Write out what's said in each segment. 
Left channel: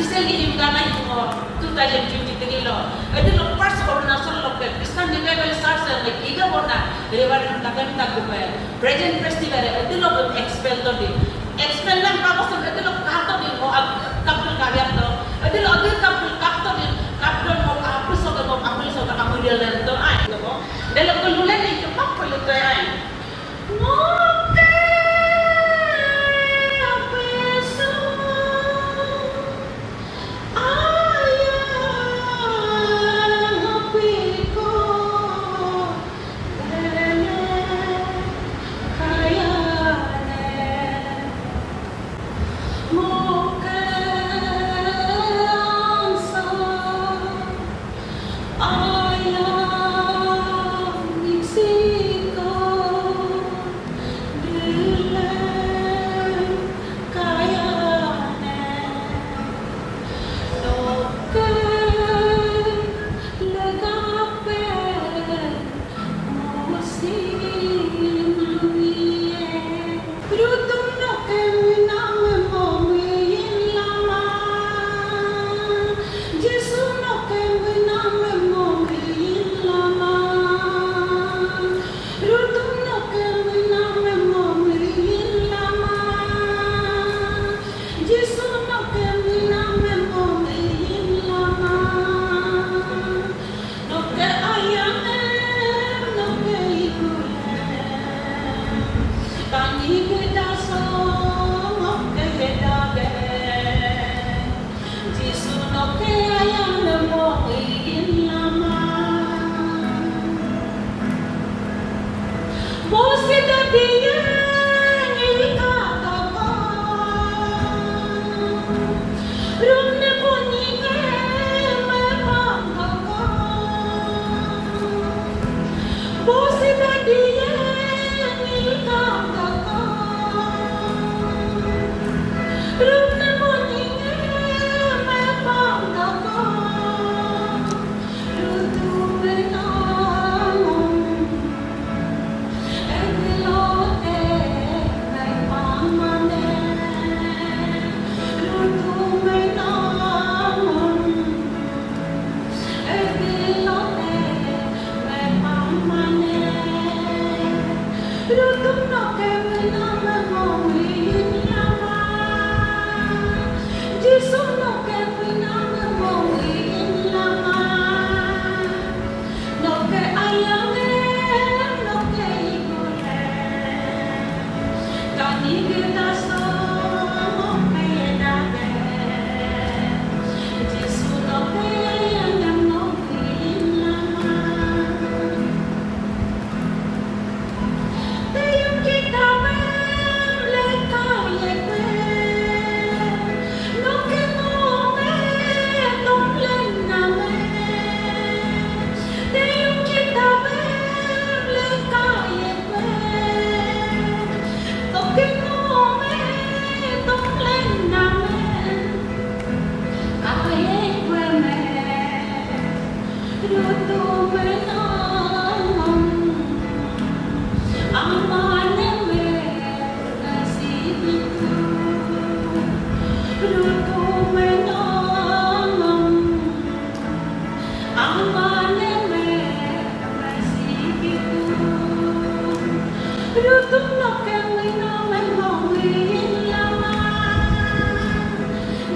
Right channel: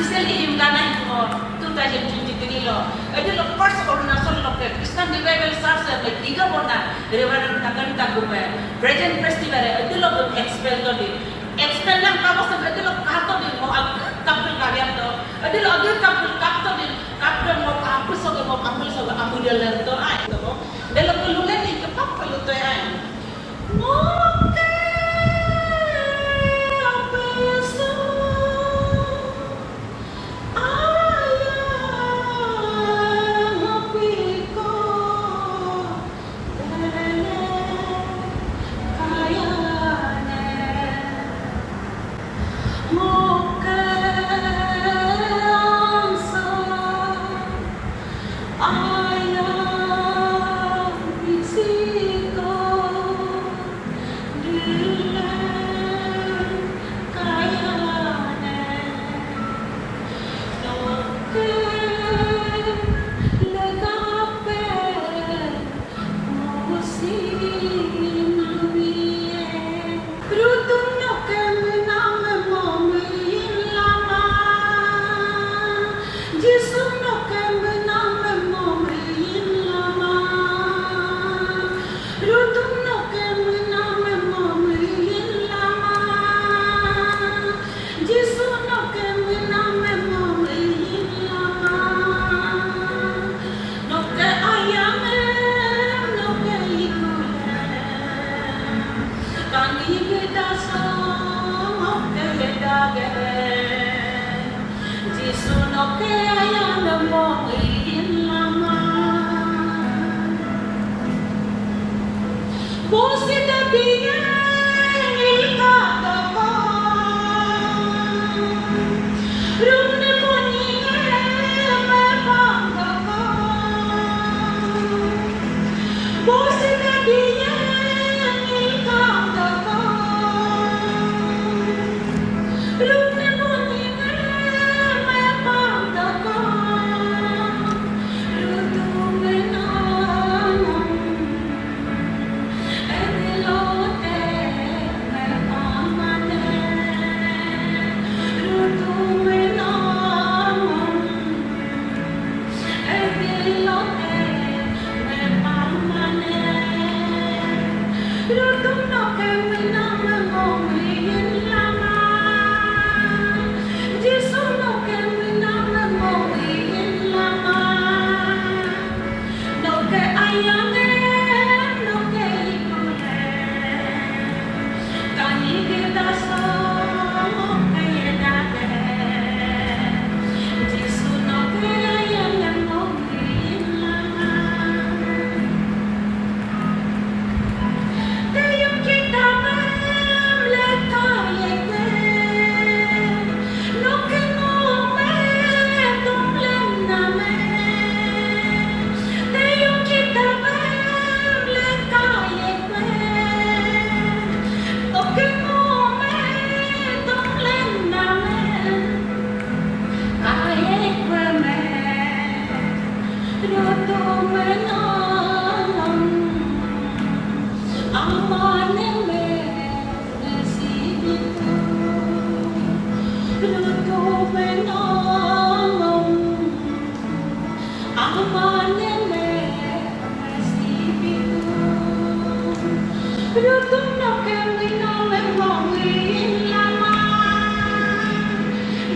especially yung nanay ko 2023 lo. Ito lo first coronation lo ke Christian Revival Church le tiga bona reverend tagan tagume present festival ito lo expel to di. Expel lang pa ko sa ito lo kato di mo kapul karya to. Ito lo agil kapul kato di kapul mo kapul so mo kapul so kapul lang to ay to. Dalo ko lulan ito pa ko to ay. No.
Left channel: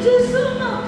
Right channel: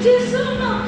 Jesus,